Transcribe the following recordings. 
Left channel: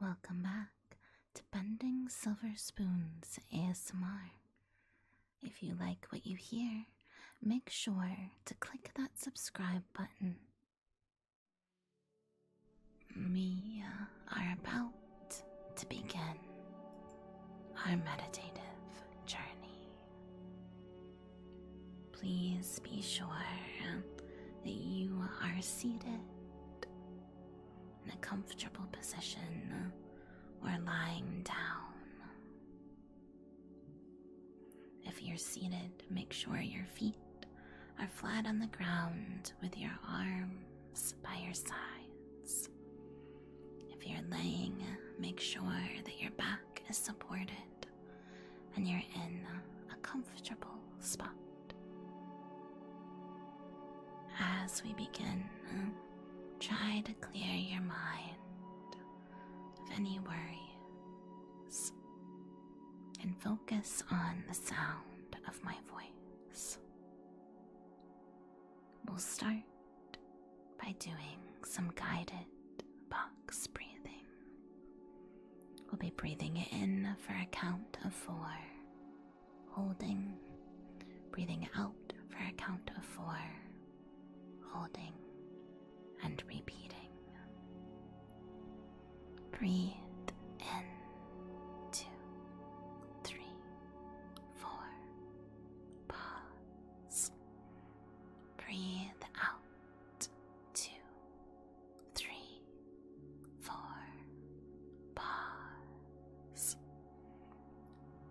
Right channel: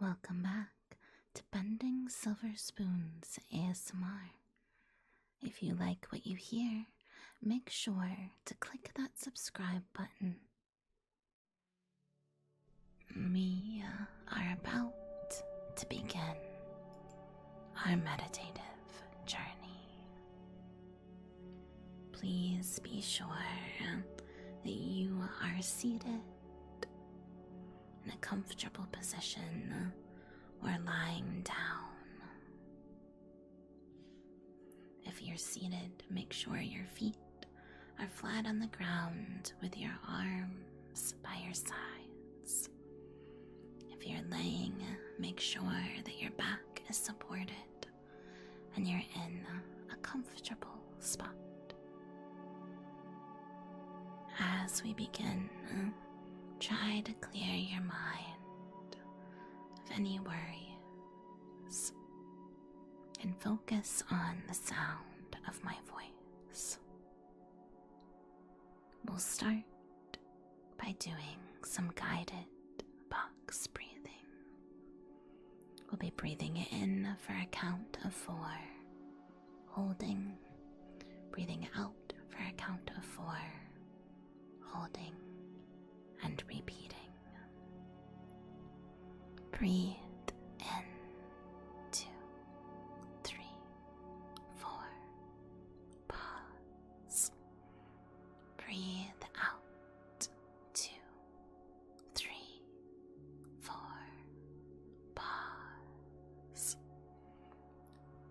Welcome back to Bending Silver Spoons ASMR. If you like what you hear, make sure to click that subscribe button. We are about to begin our meditative journey. Please be sure that you are seated in a comfortable position or lying down. If you're seated, make sure your feet are flat on the ground with your arms by your sides. If you're laying, make sure that your back is supported and you're in a comfortable spot. As we begin, try to clear your mind of any worries and focus on the sound of my voice. We'll start by doing some guided box breathing. We'll be breathing in for a count of 4, holding, breathing out for a count of 4, holding, and repeating. Breathe in, 2, 3, 4, pause. Breathe out, 2, 3, 4, pause.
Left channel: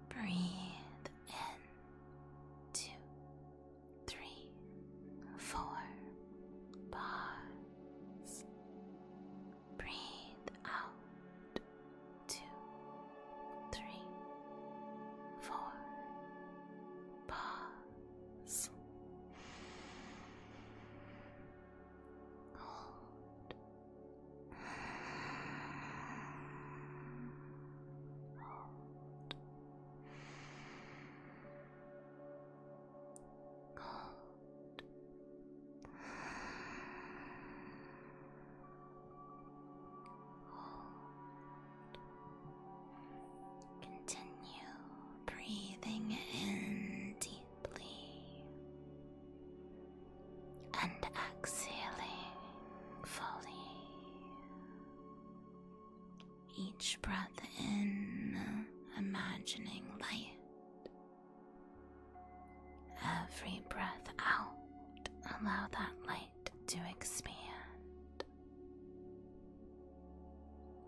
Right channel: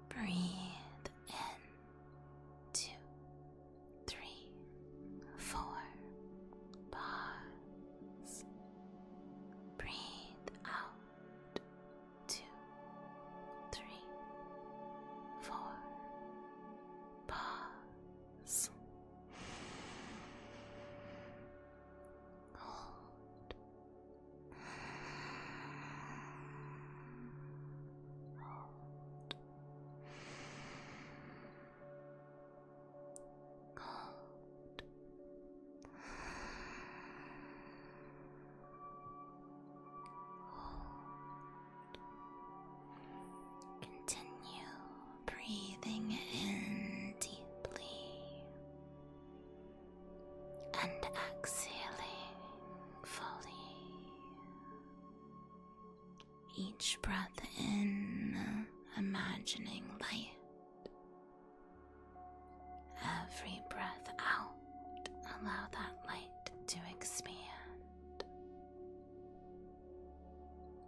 Breathe in, 2, 3, 4, pause. Breathe out, 2, 3, 4, pause. Hold. Hold. Hold. Continue breathing in deeply and exhaling fully. Each breath in, imagining light. Every breath out, allow that light to expand.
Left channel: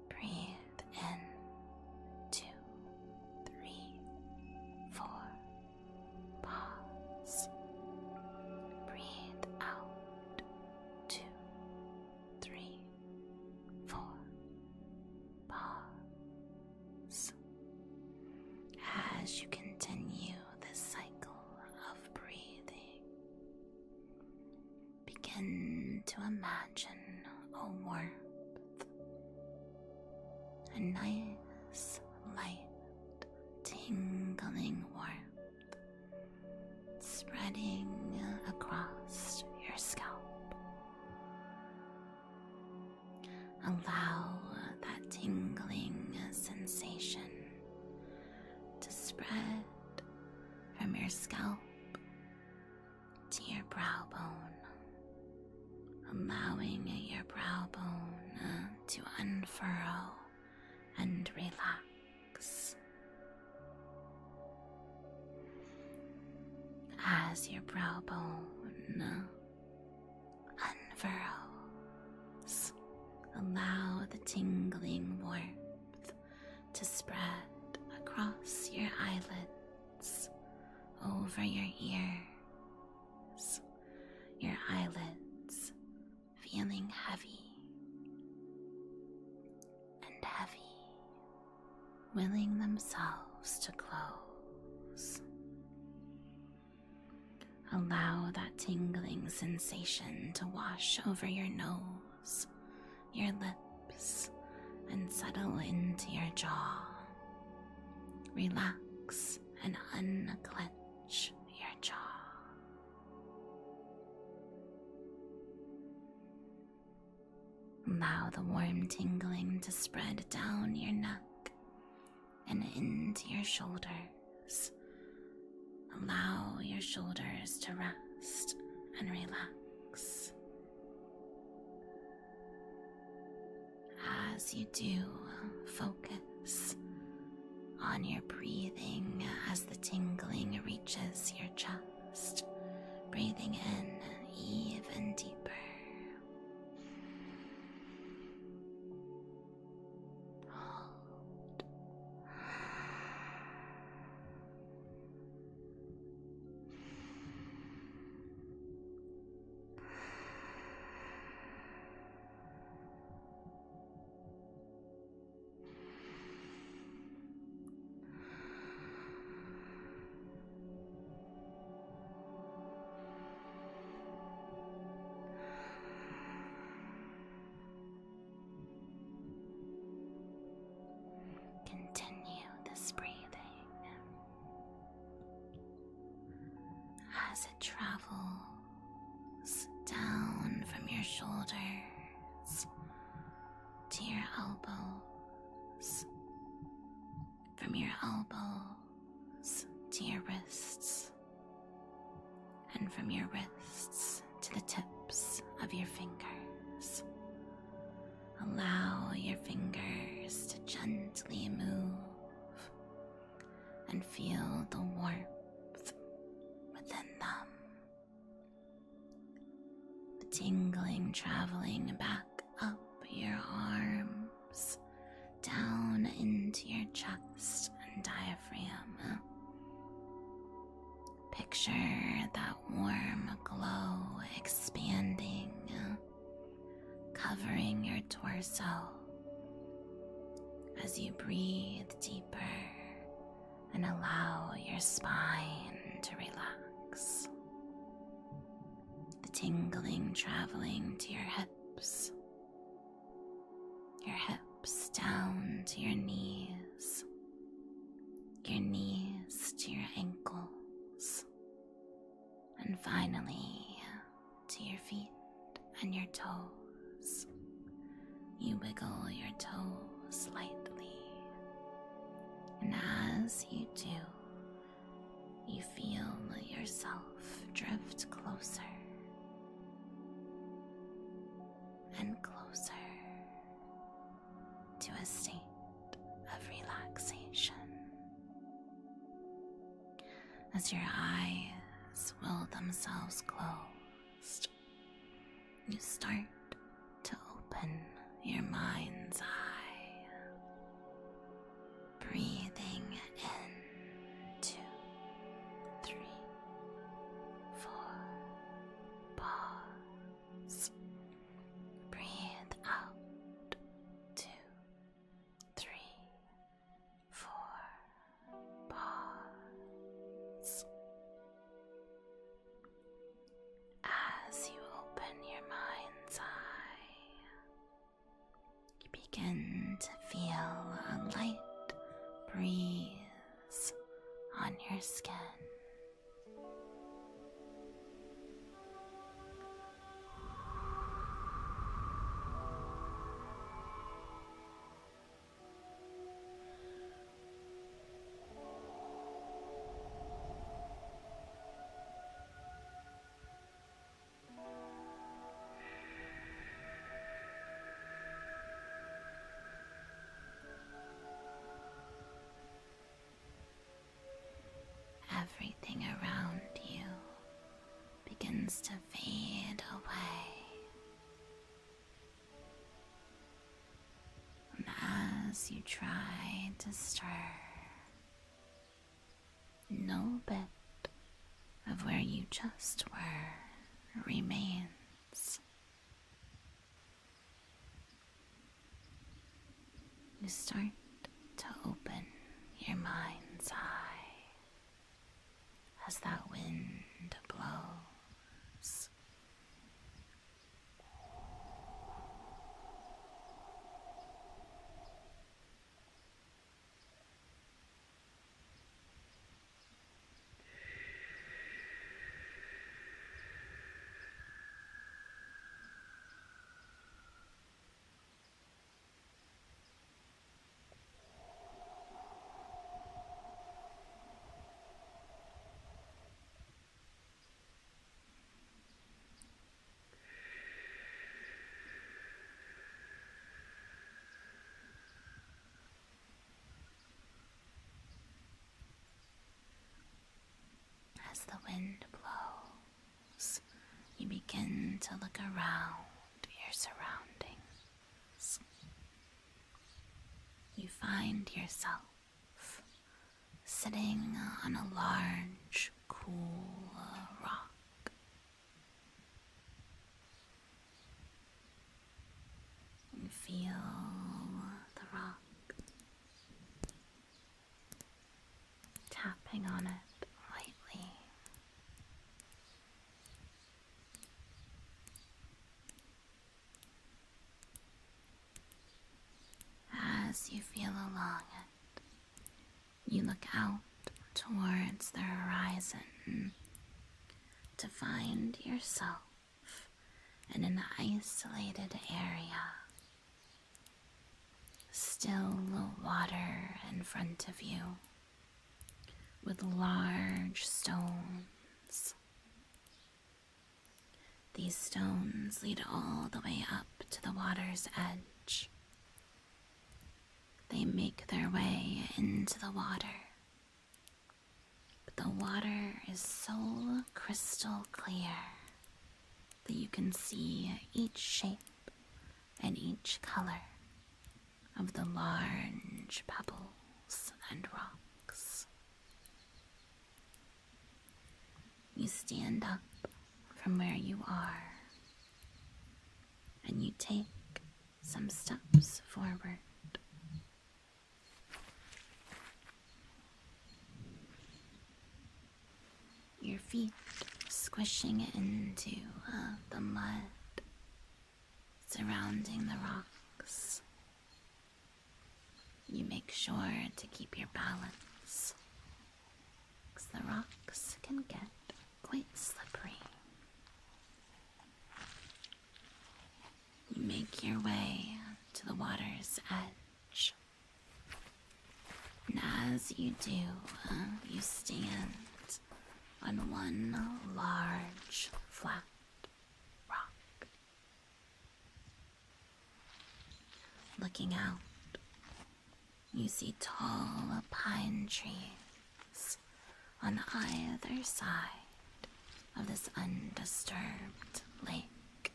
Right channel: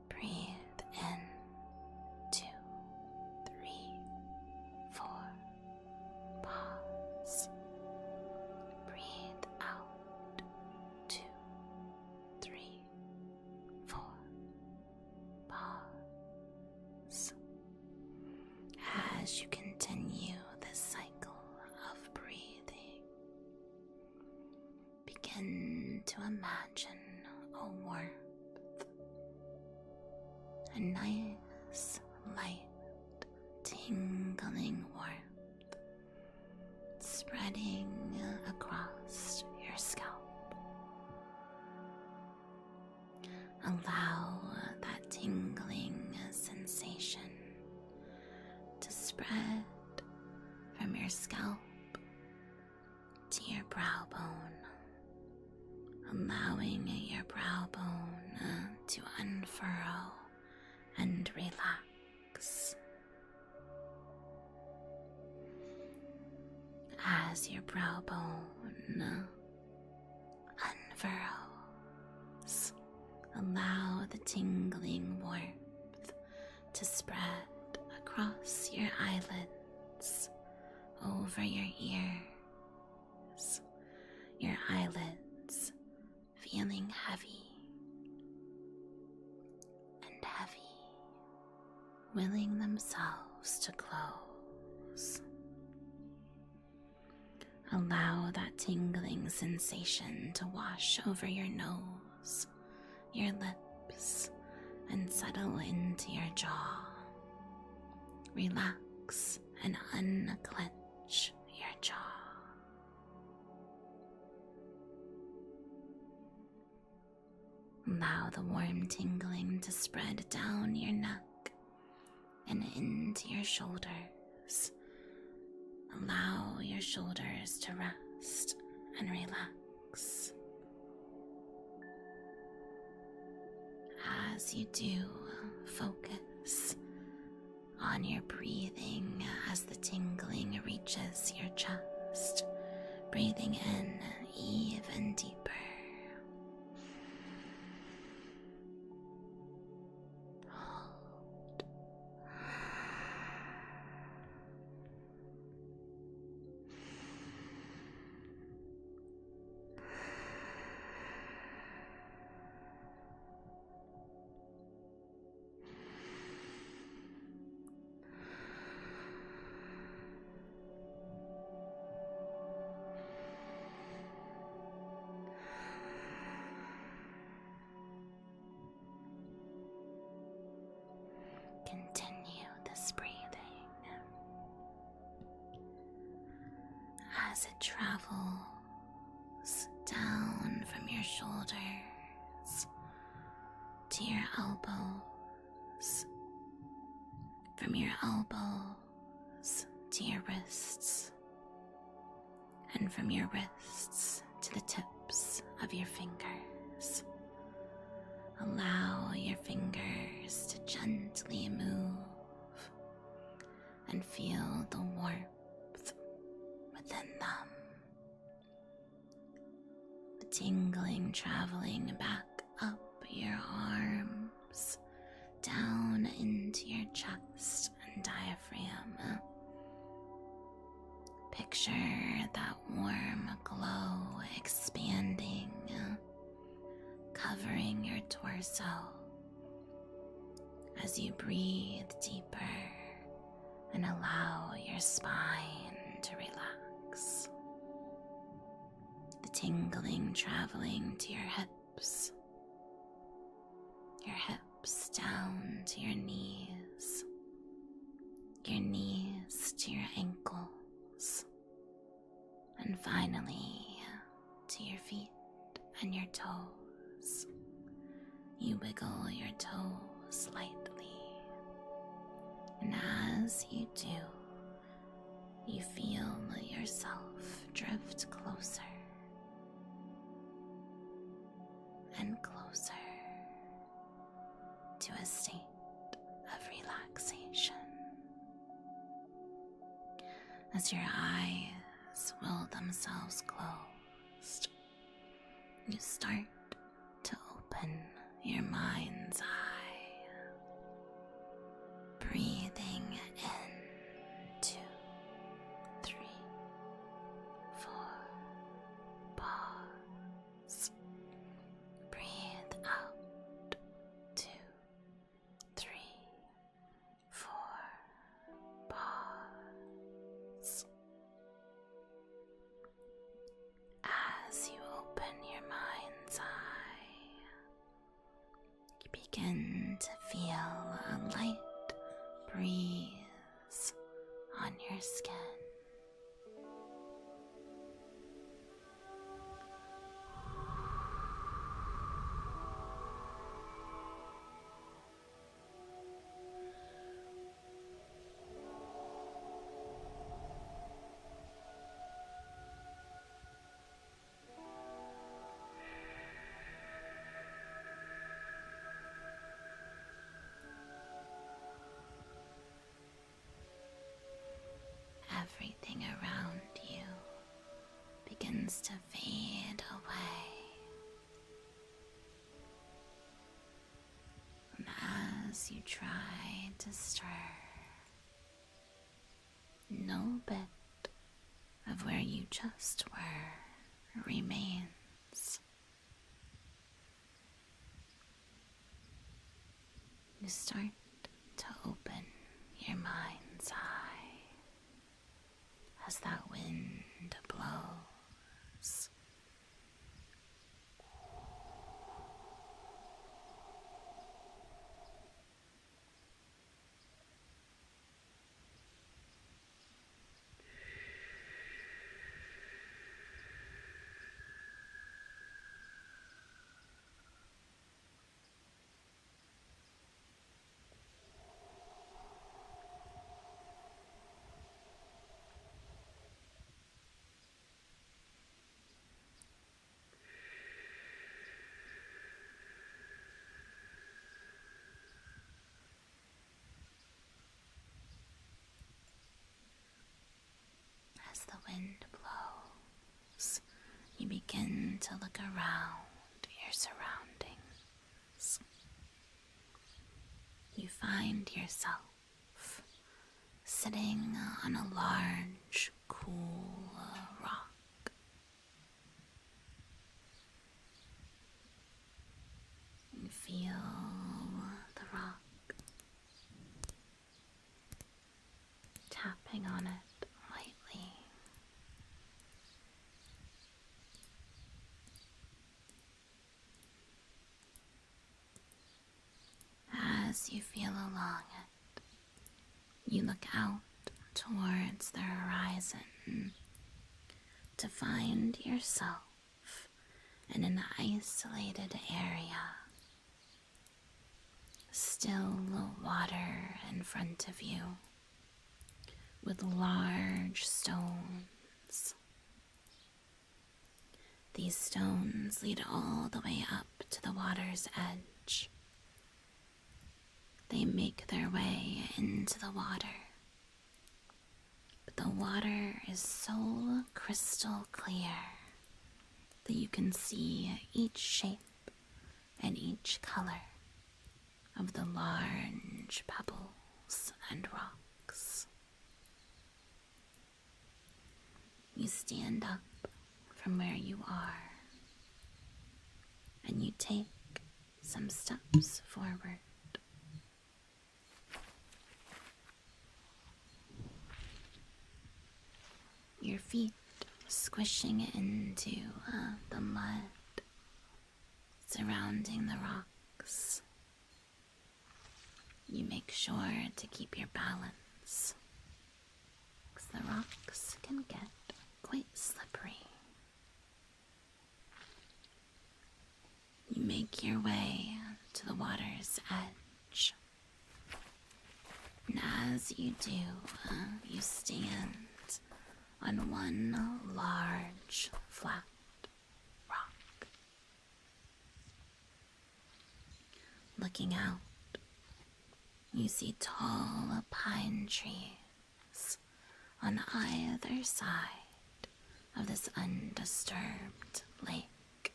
Breathe in, 2, 3, 4, pause. Breathe out, 2, 3, 4, pause. As you continue this cycle of breathing, begin to imagine a warmth, a nice, light, tingling warmth spreading across your scalp. Allow that tingling sensation to spread from your scalp to your brow bone, allowing your brow bone to unfurl and relax. As your brow bone unfurls, allow the tingling warmth to spread across your eyelids, over your ears, your eyelids feeling heavy and heavy, willing themselves to close. Allow that tingling sensation to wash over your nose, your lips, and settle into your jaw. Relax and unclench your jaw. Allow the warm tingling to spread down your neck and into your shoulders. Allow your shoulders to rest and relax. As you do, focus on your breathing as the tingling reaches your chest, breathing in even deeper. Hold. Continue this breathing as it travels down from your shoulders to your elbows, from your elbows to your wrists, and from your wrists to the tips of your fingers. Allow your fingers to gently move and feel the warmth within them. The tingling traveling back up your arms, down into your chest and diaphragm. Picture that warm glow expanding, covering your torso as you breathe deeper and allow your spine to relax. The tingling traveling to your hips down to your knees to your ankles, and finally to your feet and your toes. You wiggle your toes lightly, and as you do, you feel yourself drift closer and closer to a state of relaxation. As your eyes will themselves closed, you start to open your mind's eye, breathing in 2, 3, 4, pause. Breathe out 2, 3, 4, pause. As you open your mind's eye, you begin to feel a light breeze on your skin. Everything around you begins to fade away. And as you try to stir, no bit of where you just were remains. You start to open your mind's eye as that wind blows. wind blows, you begin to look around your surroundings. You find yourself sitting on a large, cool rock. You feel the rock tapping on it lightly. As you feel along it, you look out towards the horizon to find yourself in an isolated area. Still water in front of you with large stones. These stones lead all the way up to the water's edge. They make their way into the water, but the water is so crystal clear that you can see each shape and each color of the large pebbles and rocks. You stand up from where you are and you take some steps forward. Your feet squishing into the mud surrounding the rocks. You make sure to keep your balance, because the rocks can get quite slippery. You make your way to the water's edge. And as you do, you stand on one large, flat rock. Looking out, you see tall pine trees on either side of this undisturbed lake.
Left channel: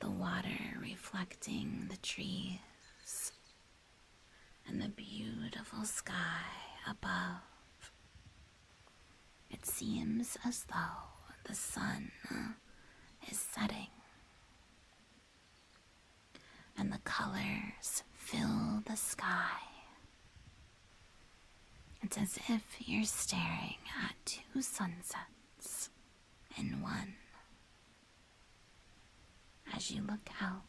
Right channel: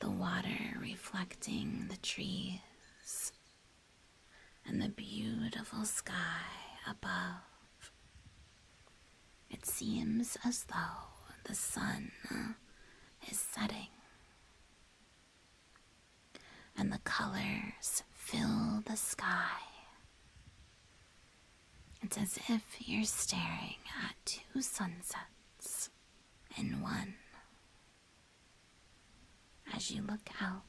The water reflecting the trees and the beautiful sky above. It seems as though the sun is setting, and the colors fill the sky. It's as if you're staring at two sunsets in one. As you look out,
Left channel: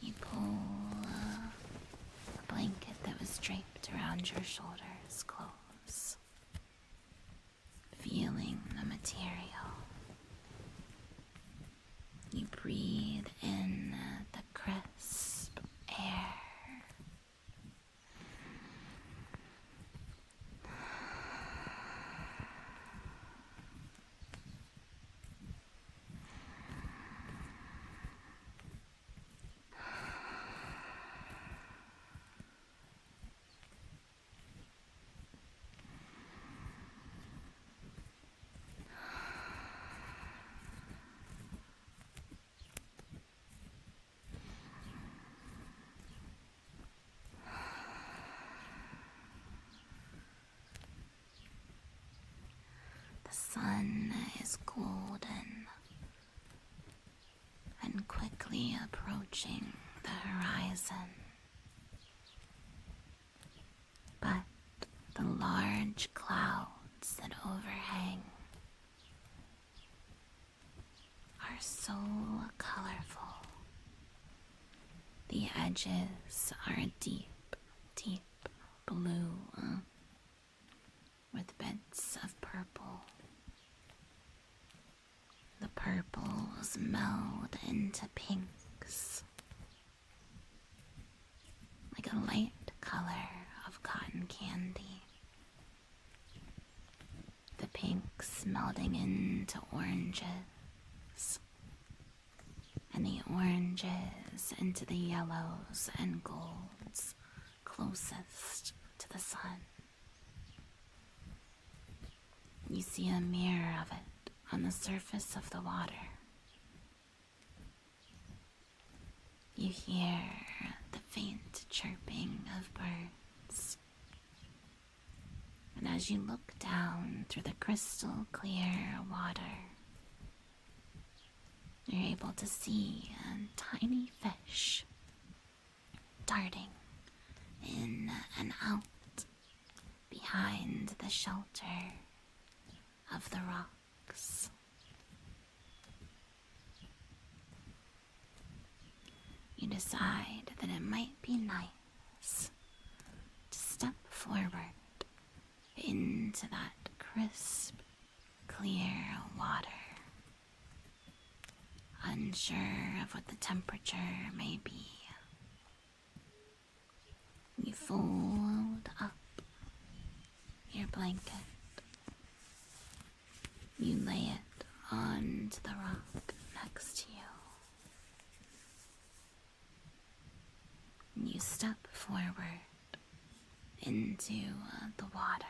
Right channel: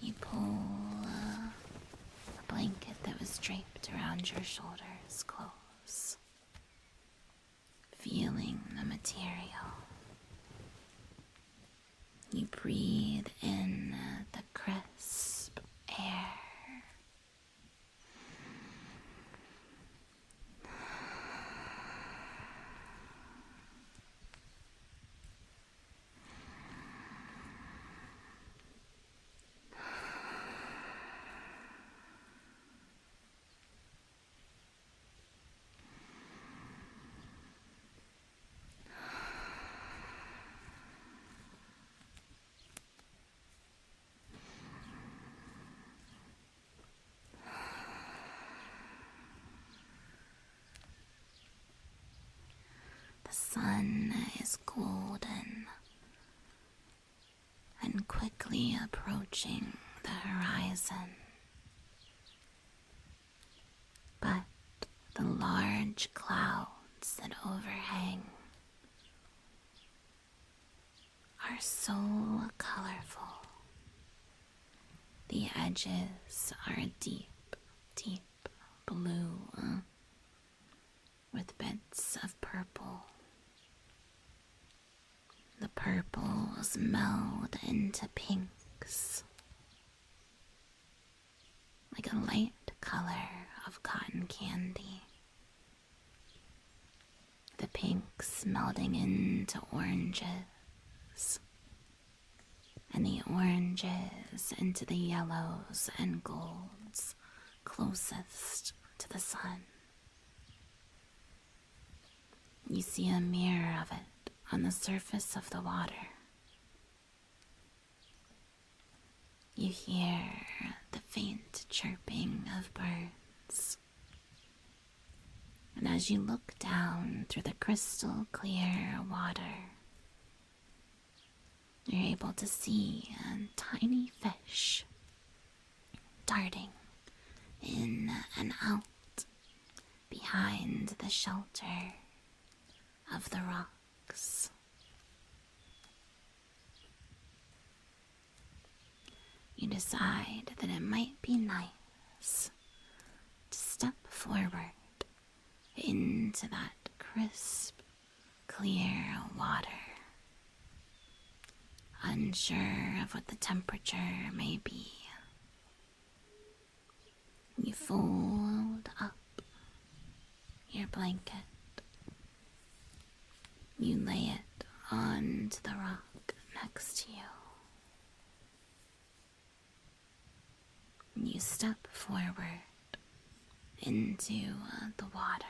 you pull a blanket that was draped around your shoulders close, feeling the material. You breathe in the crisp air. The sun is golden and quickly approaching the horizon. But the large clouds that overhang are so colorful. The edges are a deep, deep blue with bits of purple. The purples meld into pinks, like a light color of cotton candy. The pinks melding into oranges, and the oranges into the yellows and golds closest to the sun. You see a mirror of it on the surface of the water. You hear the faint chirping of birds. And as you look down through the crystal clear water, you're able to see a tiny fish darting in and out behind the shelter of the rocks. You decide that it might be nice to step forward into that crisp, clear water, unsure of what the temperature may be. You fold up your blanket. You lay it onto the rock next to you. You step forward into the water.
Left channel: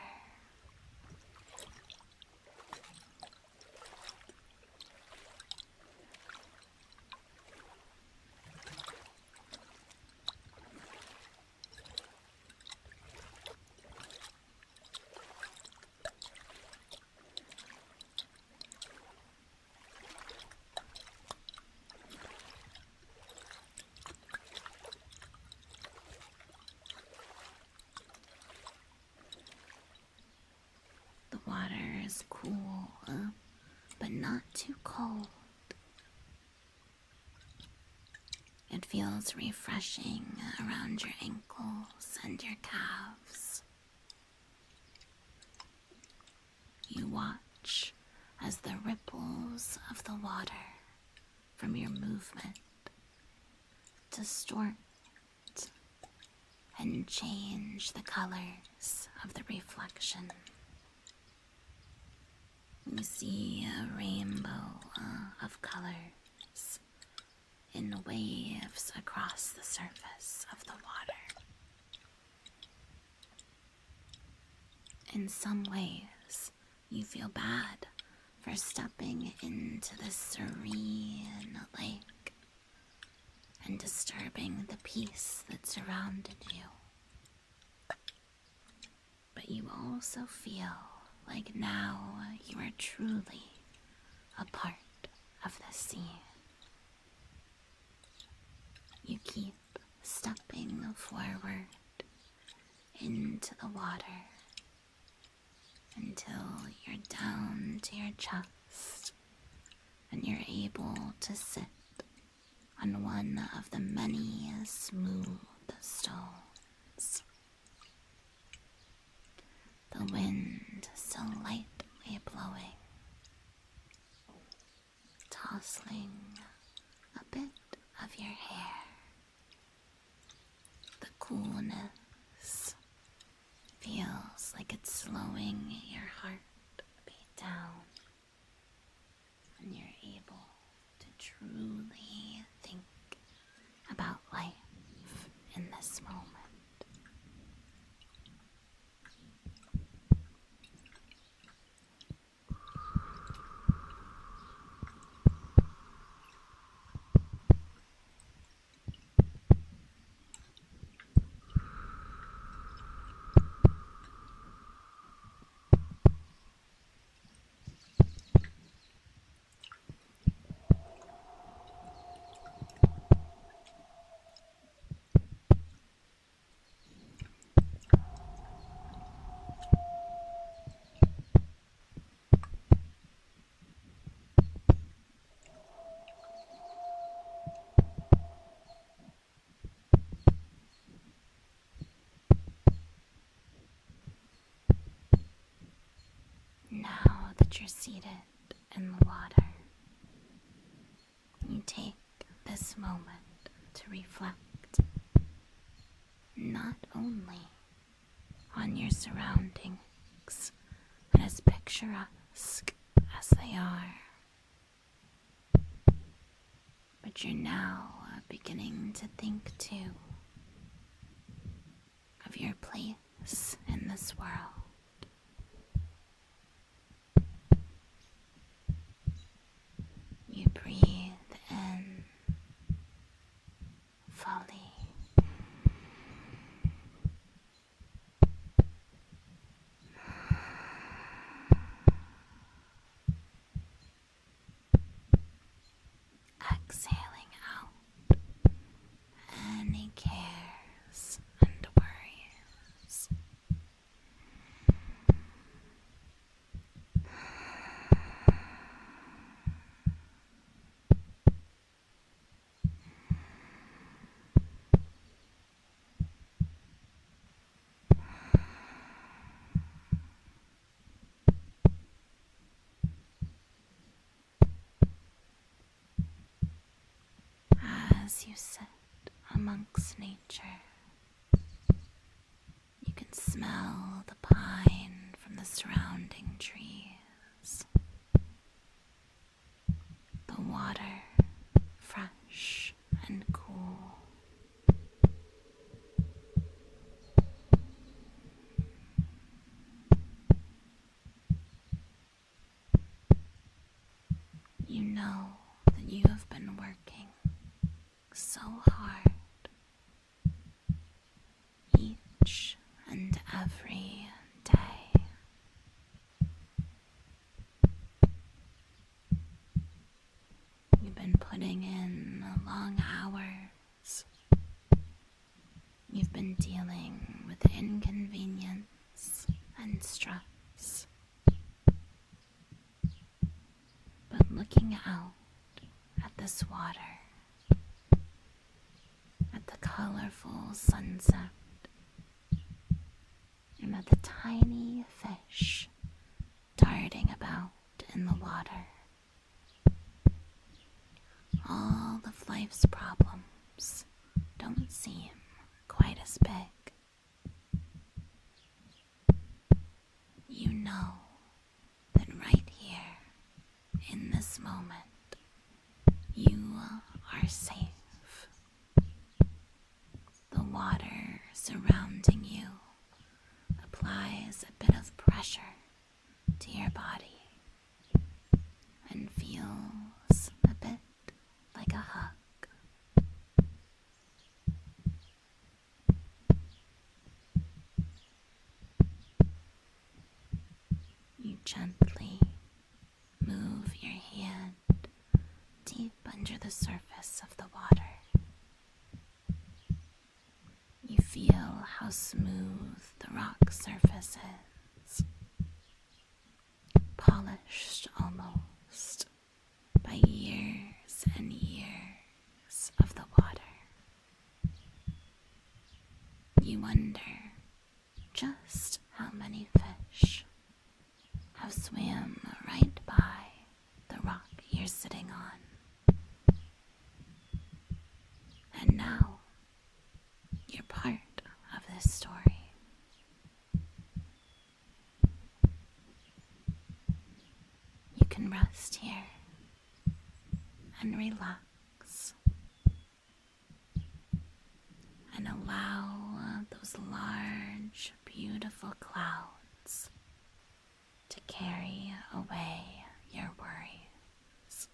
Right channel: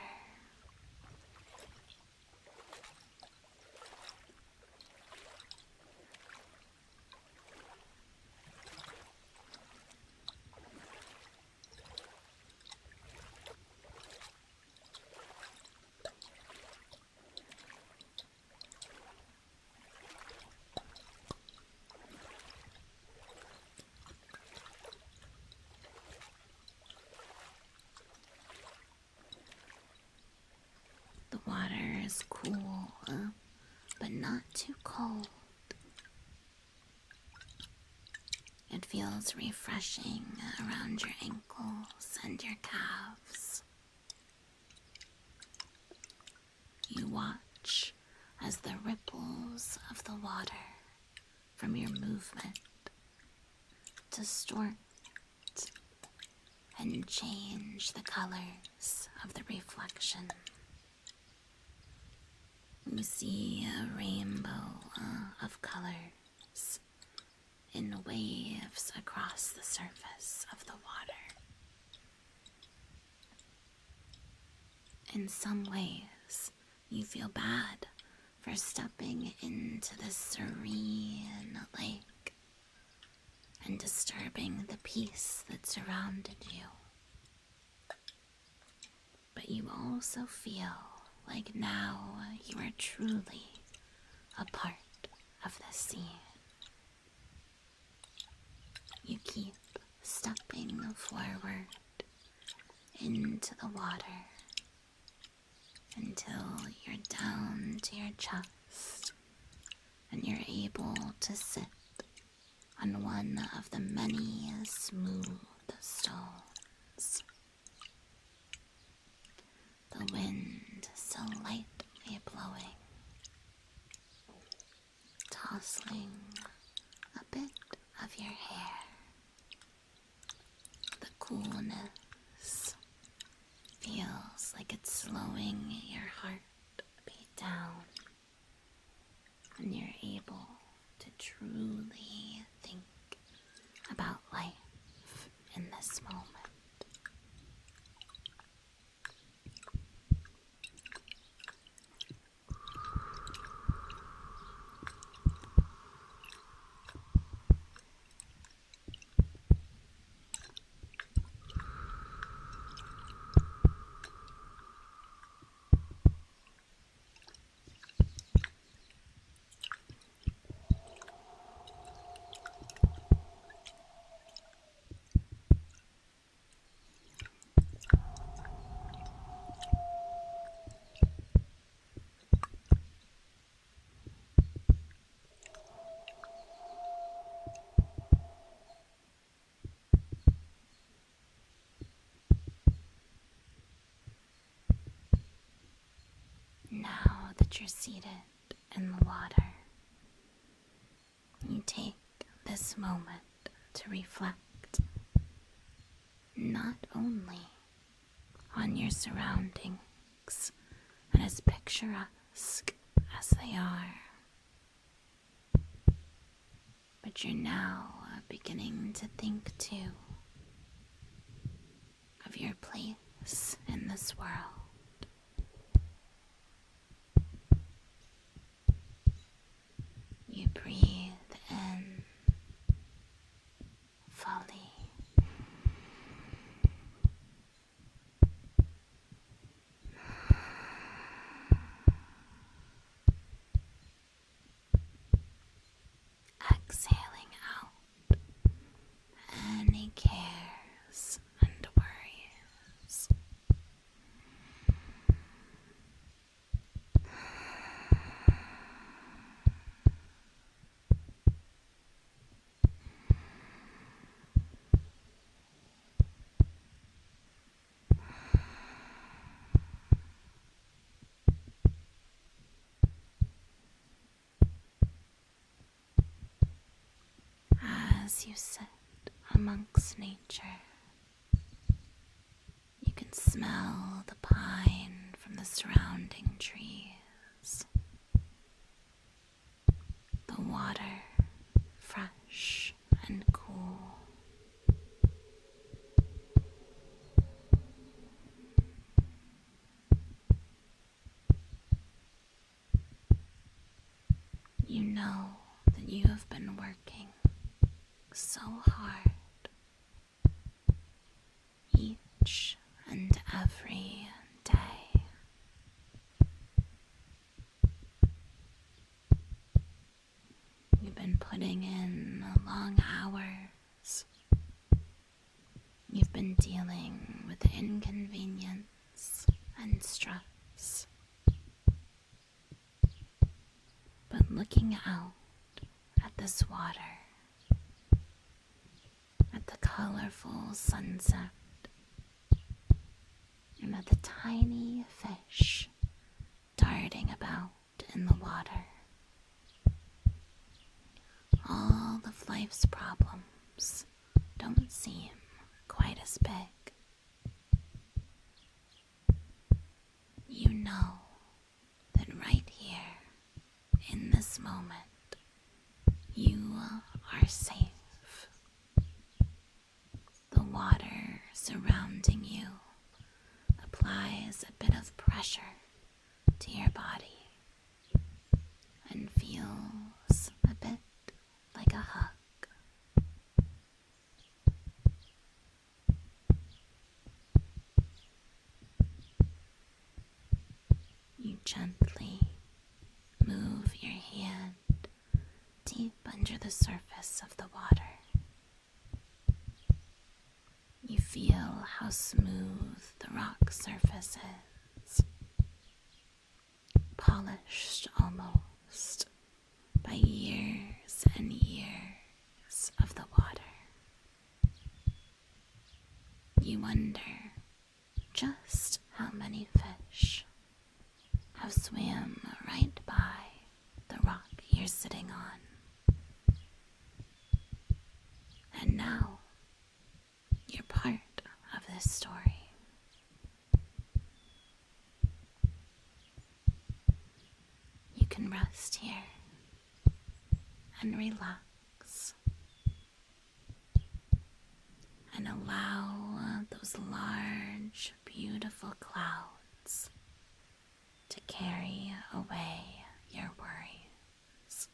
The water is cool, but not too cold. It feels refreshing around your ankles and your calves. You watch as the ripples of the water from your movement distort and change the colors of the reflection. You see a rainbow of colors in waves across the surface of the water. In some ways, you feel bad for stepping into this serene lake and disturbing the peace that surrounded you. But you also feel like now you are truly a part of the scene. You keep stepping forward into the water until you're down to your chest and you're able to sit on one of the many smooth stones. The wind still lightly blowing, tossing a bit of your hair. The coolness feels like it's slowing your heartbeat down, and you're able to truly think about life in this moment. Now that you're seated in the water, you take this moment to reflect not only on your surroundings and as picturesque as they are, but you're now beginning to think too of your place in this world. You breathe in fully. Exhaling out any cares and worries. As you sit amongst nature, you can smell the pine from the surrounding trees. The water, fresh and cool. You know that you have been working so hard each and every day. You've been putting in long hours. You've been dealing with inconvenience and stress. But looking out at this water, at the colorful sunset, and at the tiny fish darting about in the water, all of life's problems don't seem quite as big. You know that right here, in this moment, you are safe. The water surrounding you applies a bit of pressure to your body and feels a bit like a hug. You gently move your hand deep under the surface of the water. You feel how smooth the rock surface is, polished almost by years and years of the water. You wonder just how many fish have swam right by the rock you're sitting on. And now you're part of this story. You can rest here and relax and allow those large, beautiful clouds to carry away your worries.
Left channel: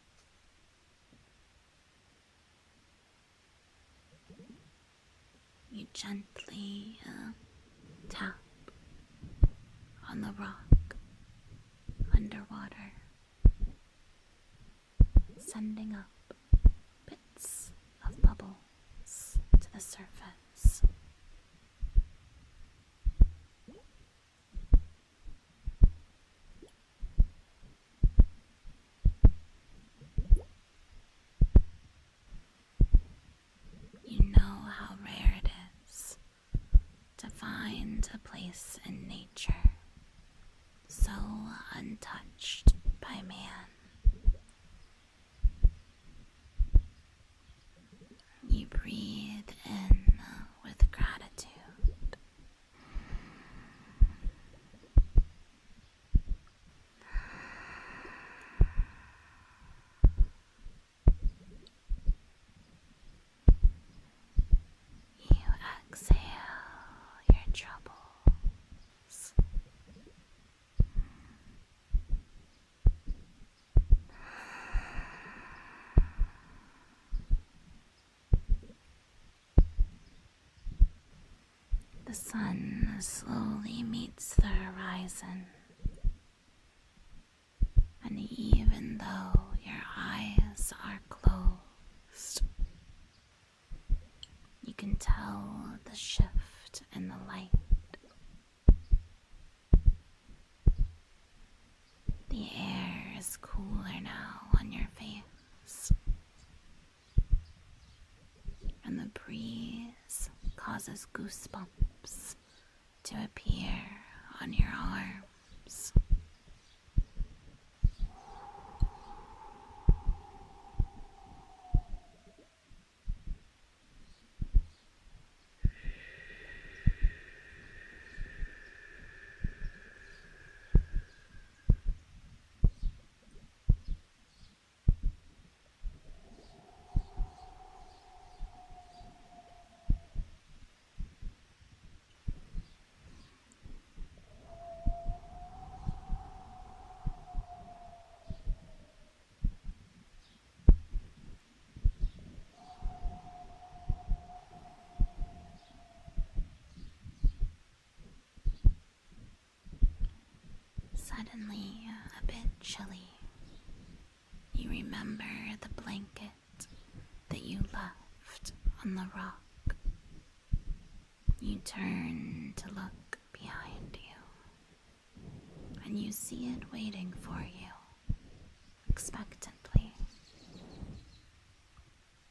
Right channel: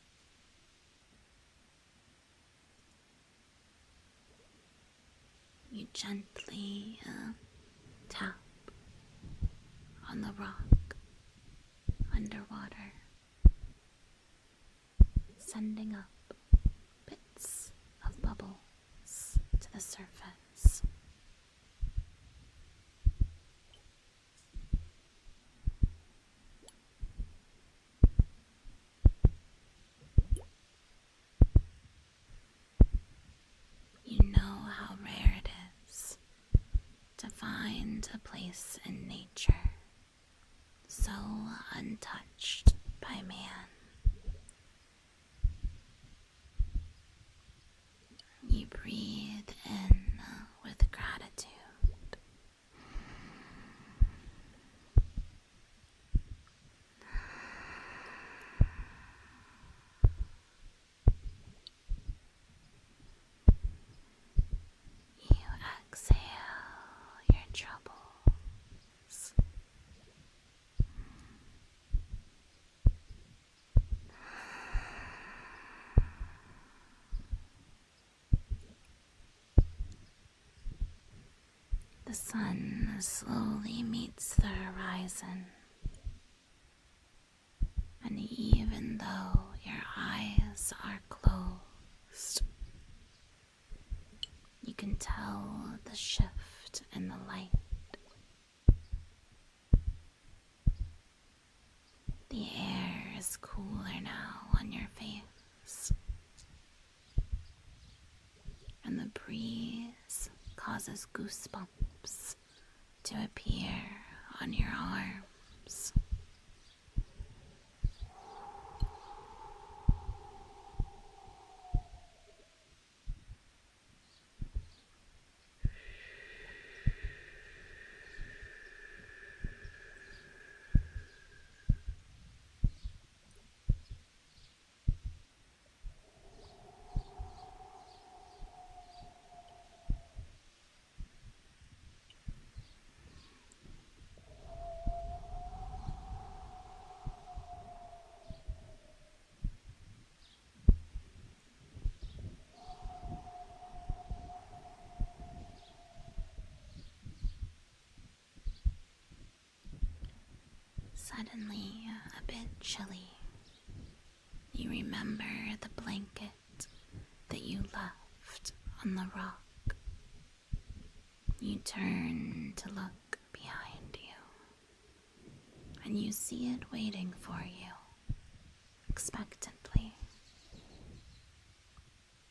You gently tap on the rock underwater, sending up bits of bubbles to the surface. You know how rare it is to find a place in nature so untouched by man. You breathe in with gratitude. You exhale your troubles. sun slowly meets the horizon, and even though your eyes are closed, you can tell the shift in the light. The air is cooler now on your face, and the breeze causes goosebumps to appear on your arms. Suddenly a bit chilly, you remember the blanket that you left on the rock. You turn to look behind you, and you see it waiting for you, expectantly.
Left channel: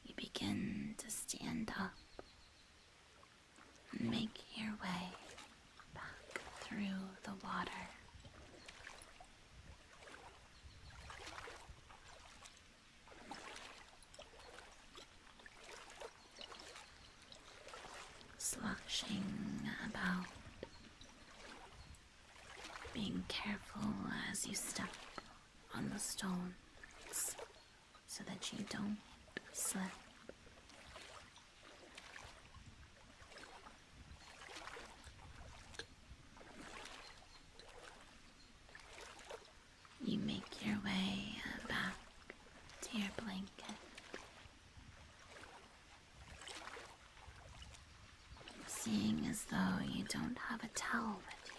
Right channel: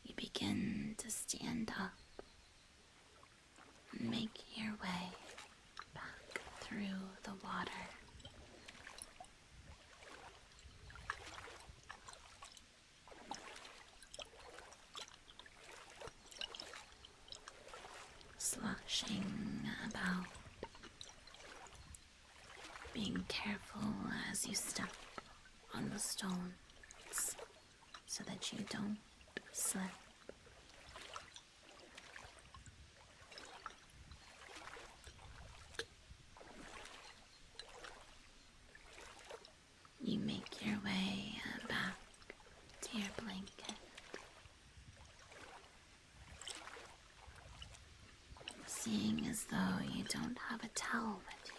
You begin to stand up and make your way back through the water. Sloshing about, being careful as you step on the stones so that you don't slip. You make your way back to your blanket. Seeing as though you don't have a towel with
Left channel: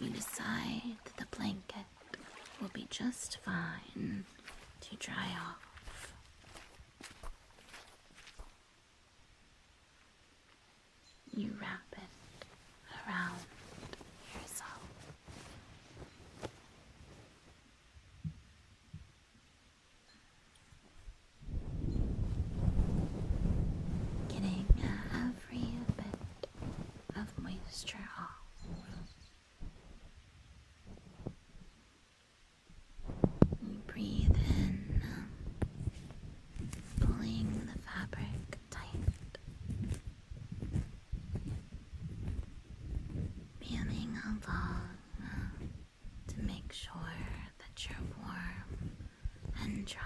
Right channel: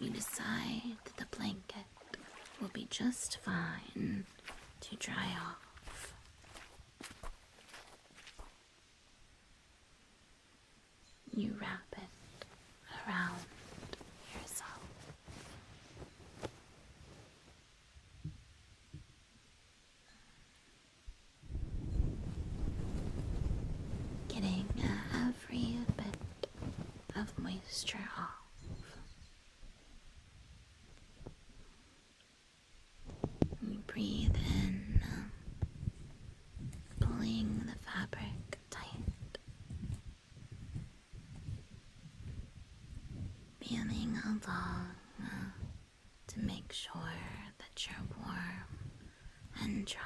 you, you decide that the blanket will be just fine to dry off. You wrap it around yourself. Getting every bit of moisture off. You breathe in, pulling the fabric tight, feeling along to make sure that you're warm and dry.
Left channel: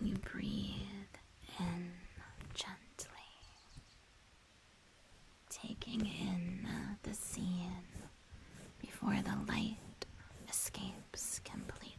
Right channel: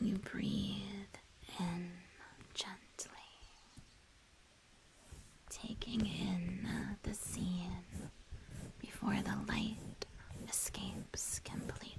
You breathe in gently, taking in the scene before the light escapes completely.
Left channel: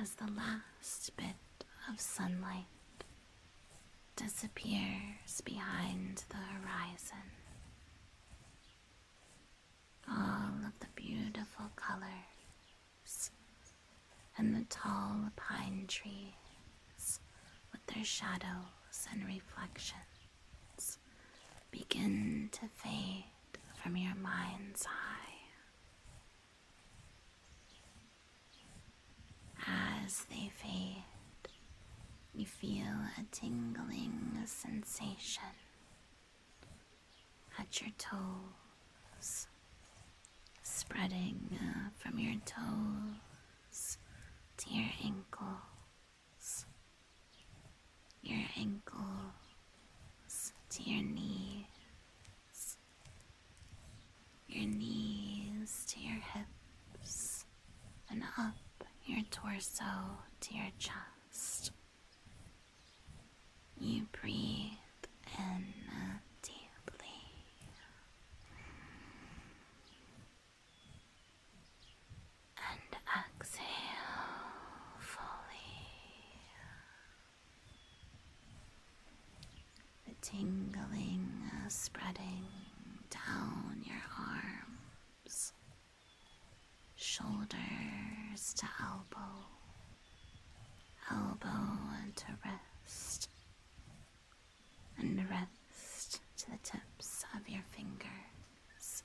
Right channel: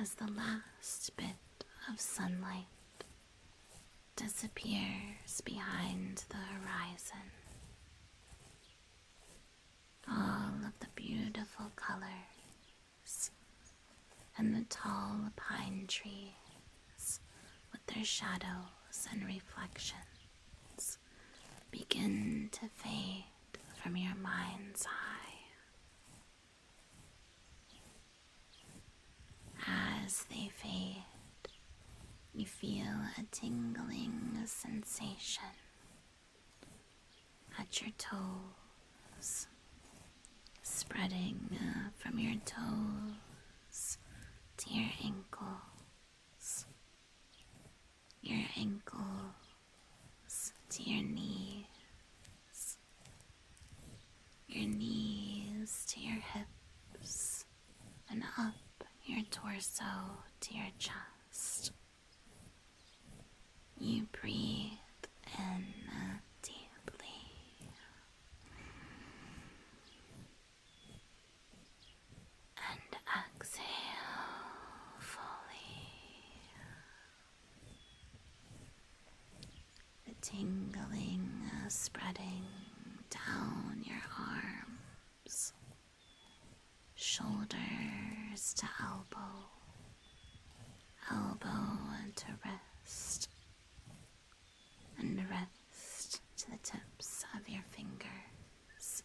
As the last bit of sunlight disappears behind the horizon, all of the beautiful colors and the tall pine trees with their shadows and reflections begin to fade from your mind's eye. As they fade, you feel a tingling sensation at your toes, spreading from your toes to your ankles to your knees to your hips, and up your torso to your chest. You breathe in deeply and exhale fully. The tingling spreading down your arms, shoulders to elbow, elbow to wrist, and wrist to the tips of your fingers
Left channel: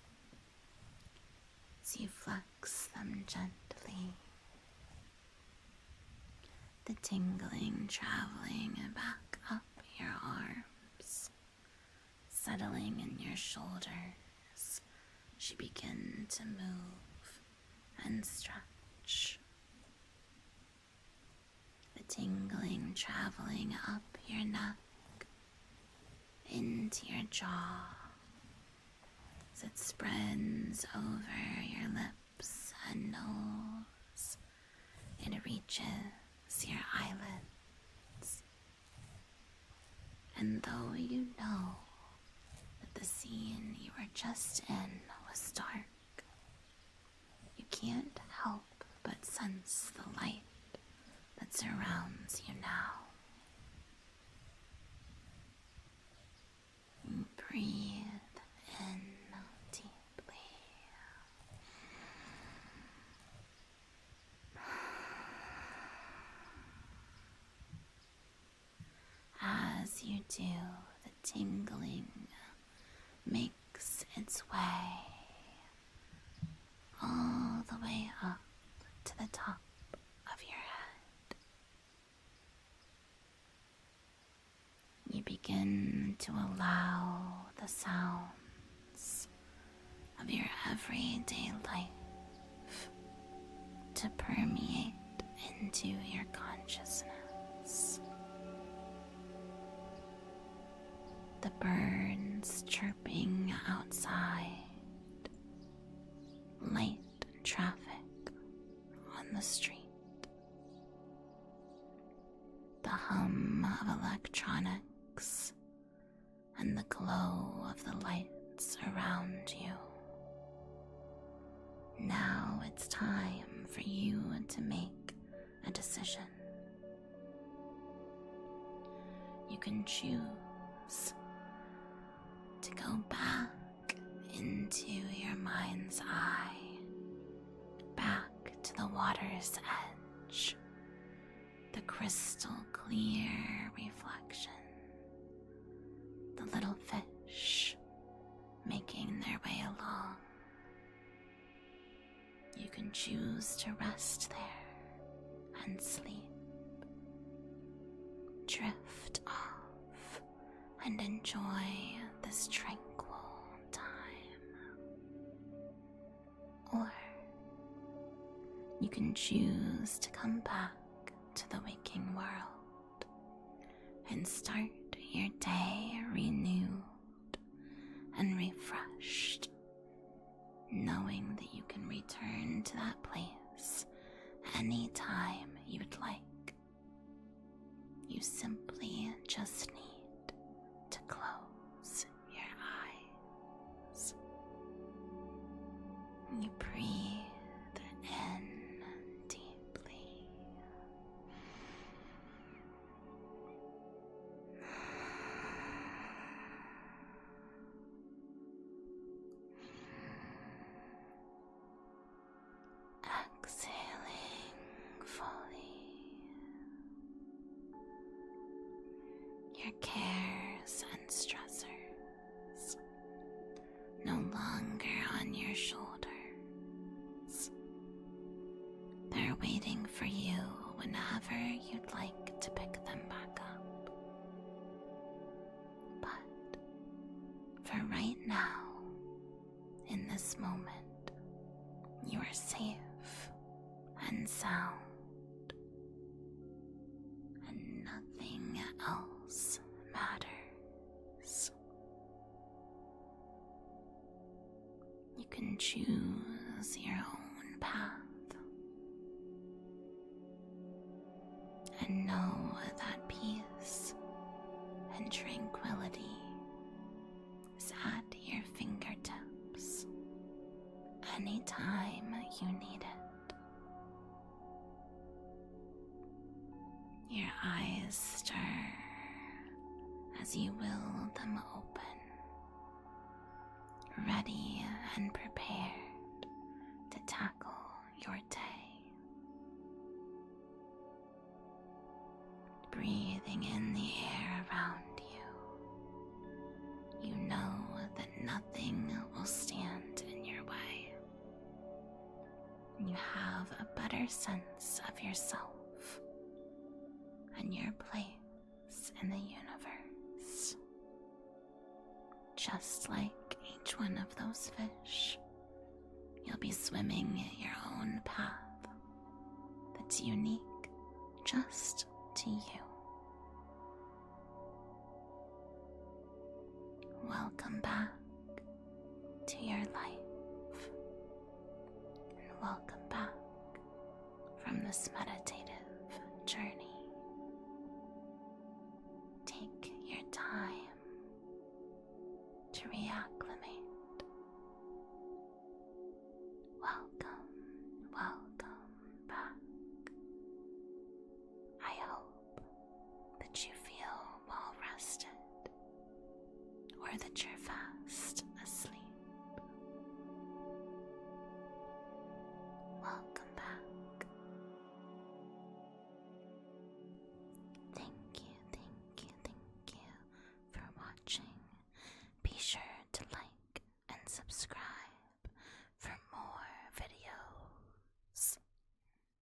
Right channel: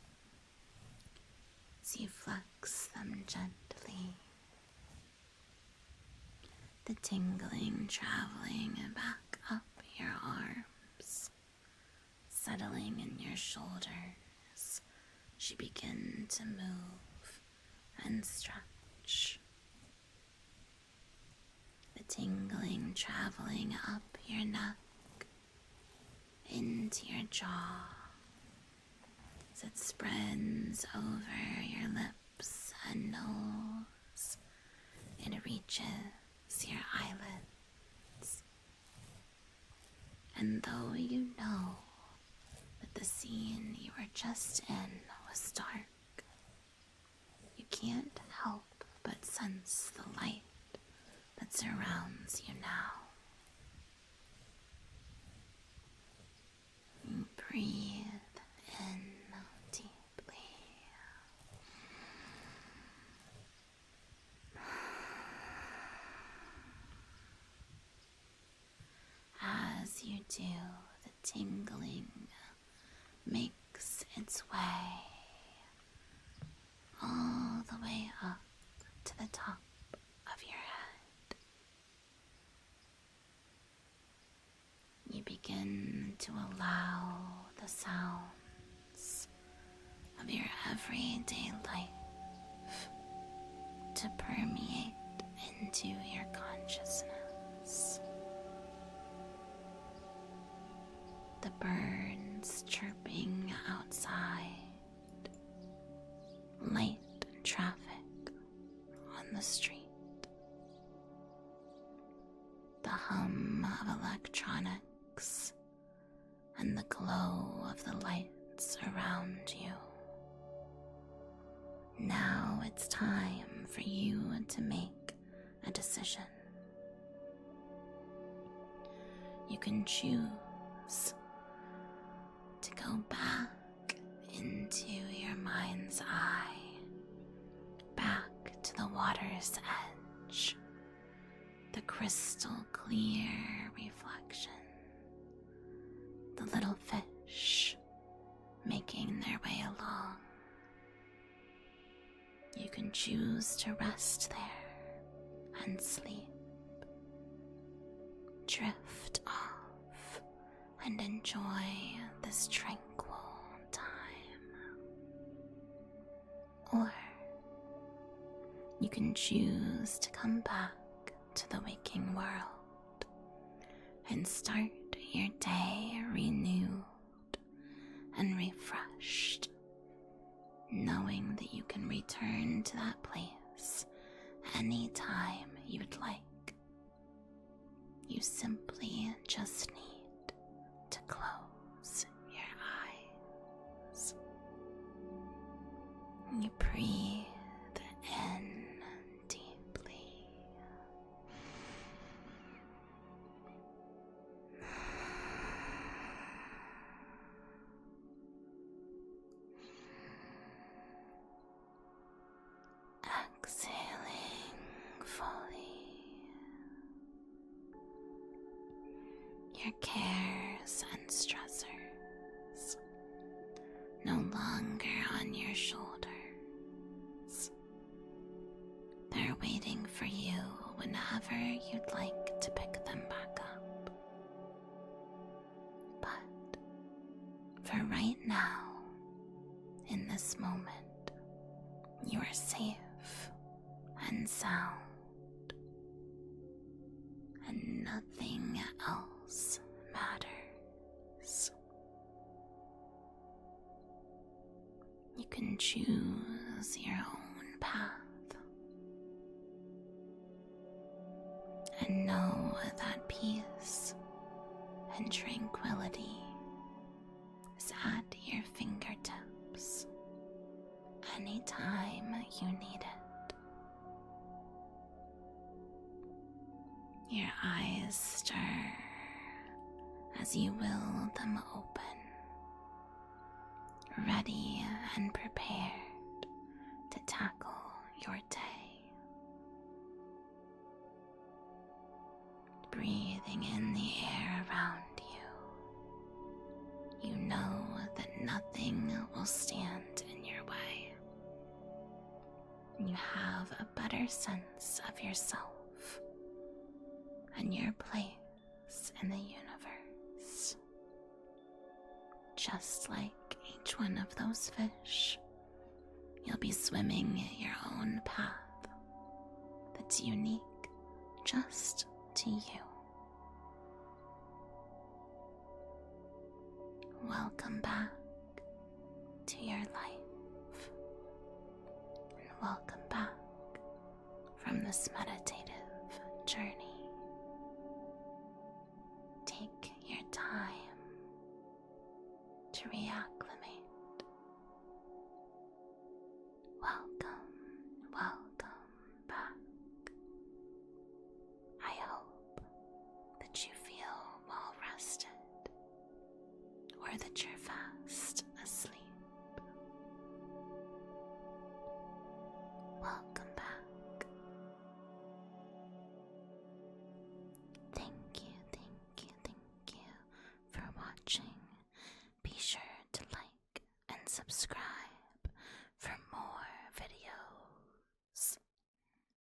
as you flex them gently, the tingling traveling back up your arms, settling in your shoulders as you begin to move and stretch. The tingling traveling up your neck into your jaw as it spreads over your lips and nose. It reaches your eyelids. And though you know that the scene you were just in was dark, you can't help but sense the light that surrounds you now. Breathe in deeply. As you do, the tingling makes its way all the way up to the top of your head. You begin to allow the sounds of your everyday life to permeate into your consciousness. The birds chirping outside, light traffic on the street, the hum of electronics, and the glow of the lights around you. Now it's time for you to make a decision. You can choose to go back into your mind's eye, back to the water's edge, the crystal clear reflection, the little fish making their way along. You can choose to rest there and sleep, drift off and enjoy this tranquil time. Or you can choose to come back to the waking world and start your day renewed and refreshed, knowing that you can return to that place anytime you'd like. You simply just need to close your eyes. You breathe in deeply. Exhaling fully. your cares and stressors no longer on your shoulders. They're waiting for you whenever you'd like to pick them back up. But for right now, in this moment, you are safe and sound, and nothing else matters. You can choose your own path and know that peace and tranquility is at your fingertips anytime you need it. Your eyes stir as you will them open, ready and prepared to tackle your day. Breathing in the air around you, you know that nothing will stand in your way. You have a better sense of yourself and your place in the universe. Just like each one of those fish, you'll be swimming your own path that's unique just to you. Welcome back to your life, and welcome back from this meditative journey. Take your time to reacclimate. Welcome back. I hope that you feel well rested, or that your